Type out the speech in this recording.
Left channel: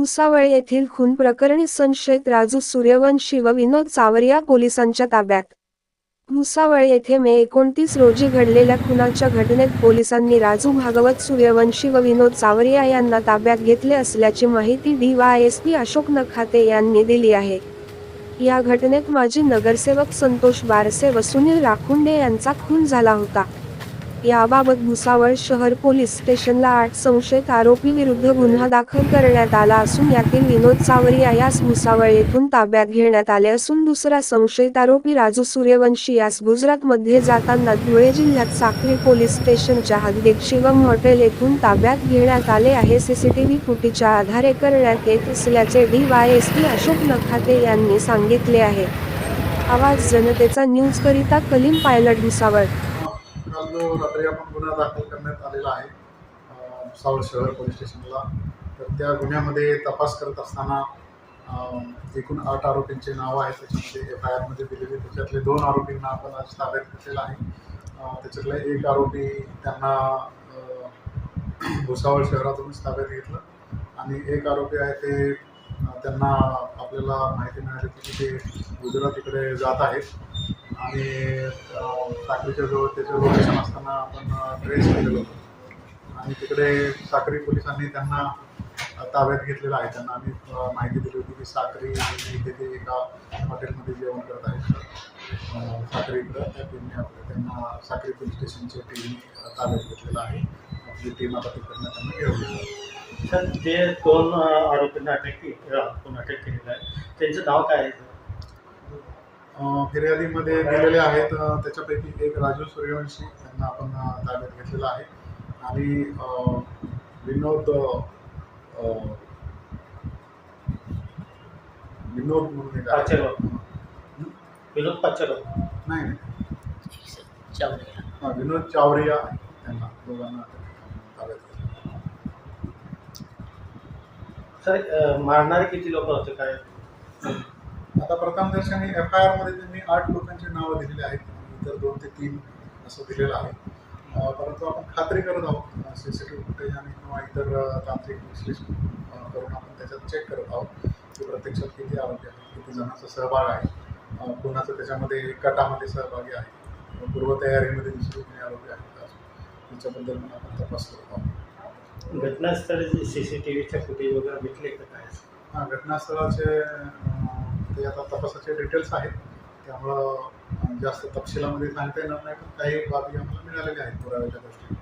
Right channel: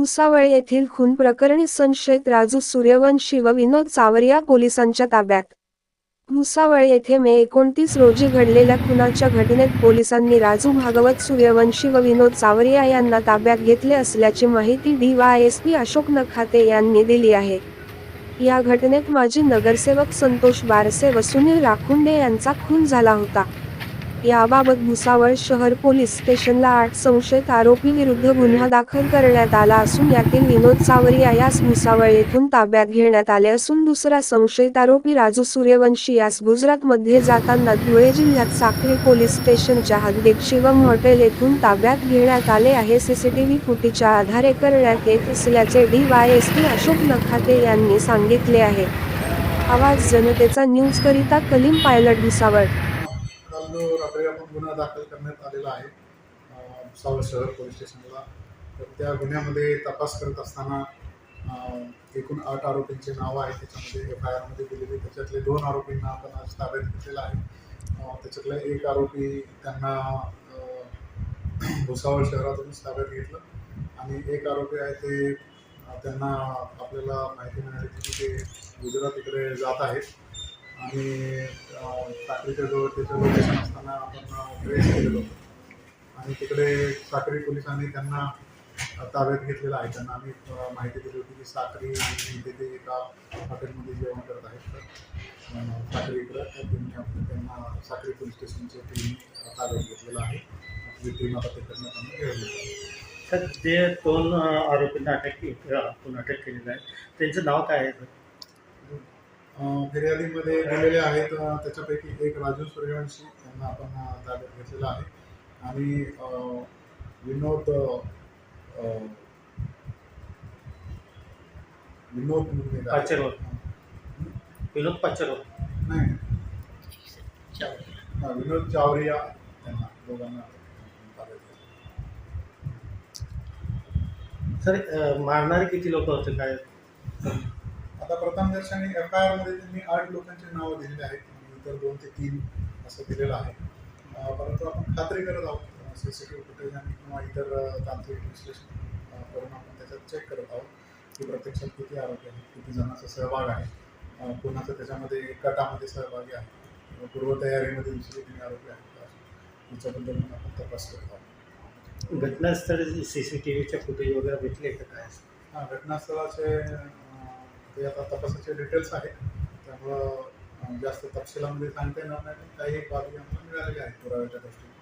भुसावळ येथील खून प्रकरणी संशयित राजू सूर्यवंशी व विनोद चावरिया पोलिसांच्या ताब्यात. भुसावळ येथे मे एकोणतीस रोजी घडलेल्या खुनाच्या घटनेत पोलिसांनी राजू भागवत सूर्यवंशी व विनोद चावरिया यांना ताब्यात घेतले असल्याची माहिती डीवायएसपी अशोक नखाते यांनी दिली आहे. या घटनेत माजी नगरसेवक संतोष बारसे व सुनील राखुंडे यांचा खून झाला होता. याबाबत भुसावळ शहर पोलीस स्टेशनला आठ संशयित आरोपी विरुद्ध गुन्हा दाखल करण्यात आला असून यातील विनोद सावरिया यास भुसावळ येथून ताब्यात घेण्यात आले असून दुसरा संशयित आरोपी राजू सूर्यवंशी यास गुजरातमध्ये जाताना धुळे जिल्ह्यात साखरे पोलीस स्टेशनच्या हद्दीत शिवम हॉटेल येथून ताब्यात घेण्यात आले आहे. सीसीटीव्ही फुटेजच्या आधारे करण्यात येत असल्याचे डीवायएसपी अशोक नखाते यांनी सांगितले आहे. आवाज जनतेचा न्यूज करिता कलीम पायलट भुसावळ. जो रात्री आपण गुन्हा दाखल करण्यात आलेला आहे सावळ शहर पोलीस स्टेशनला तर त्या गुन्ह्यामध्ये तपास करत असताना एकूण आठ आरोपींची नावं आहेत त्याच्यामध्ये एफ आय आरमध्ये दिलेली त्याच्यातले दोन आरोपींना आपण आज ताब्यात घेतलेला आहे. त्याच्यातला एक आरोपी त्यांना भुसावळ शहरातूनच ताब्यात घेतलं. आणि एक आरोपी आहे ते त्यांना आपल्याला माहिती मिळाली की ते गुजरातीकडे जात आहेत. आणि साखरीच्या जवळ त्याचं लोकेशन असताना आपण ट्रेस केलेलं. होतं आणि तिकडे साखरी पोलिसांनी त्यांना ताब्यात घेतलेलं आहे. त्यांना आम्ही माहिती दिली होती की साखरी इथे ते एका हॉटेलमध्ये जेवण करत आहेत. साखरी इकडं त्यांना साखरी पोलीस स्टेशनच्या टीमने ताब्यात घेतलेलं आहे. आपली टीम आता तिकडनं त्यांना घेऊन गेली सर ते दोन आरोपींना अटक के- अटक केलेलं आहे. त्यांचं नाव काय आहे सर? फिर्यादीमध्ये दिलेले आहेत त्याच्यापैकी एक राजू सूर्यवंशी यांना आपण ताब्यात घेतलेला आहे आणि विनोद विनोद म्हणून. विनोद नाही. हा, विनोद चावरिया त्यांना दोघांना ताब्यात. सर मारणारे किती लोक होते काय आता प्रथमदर्शनी एफ आय आरमध्ये त्यांनी आठ लोकांची नावं दिलेली आहेत. इतर दोन ते तीन असं दिलेलं आहे. परंतु आपण खात्री करत आहोत. C C T V footage आणि किंवा इतर तांत्रिक विश्लेषण करून आपण त्याच्यात चेक करत आहोत. की प्रत्यक्षात किती आहेत किती जणांचा सहभाग आहे कोणाचं त्याच्यामध्ये गटामध्ये सहभागी आहे पूर्वतयारीमध्ये दुसरे कोणी आरोपी आहेत का? याच्याबद्दल पण आपण तपास करत आहोत. घटनास्थळी सी सी टी व्हीच्या फुटेज वगैरे भेटले का काय? हा, घटनास्थळाचे ते आता तपासाचे डिटेल्स आहेत. त्यामुळं जास्त तपशिलामध्ये सांगता येणार नाही. पण काही बाबी आम्हाला मिळालेल्या आहेत पुराव्याच्या गोष्टी.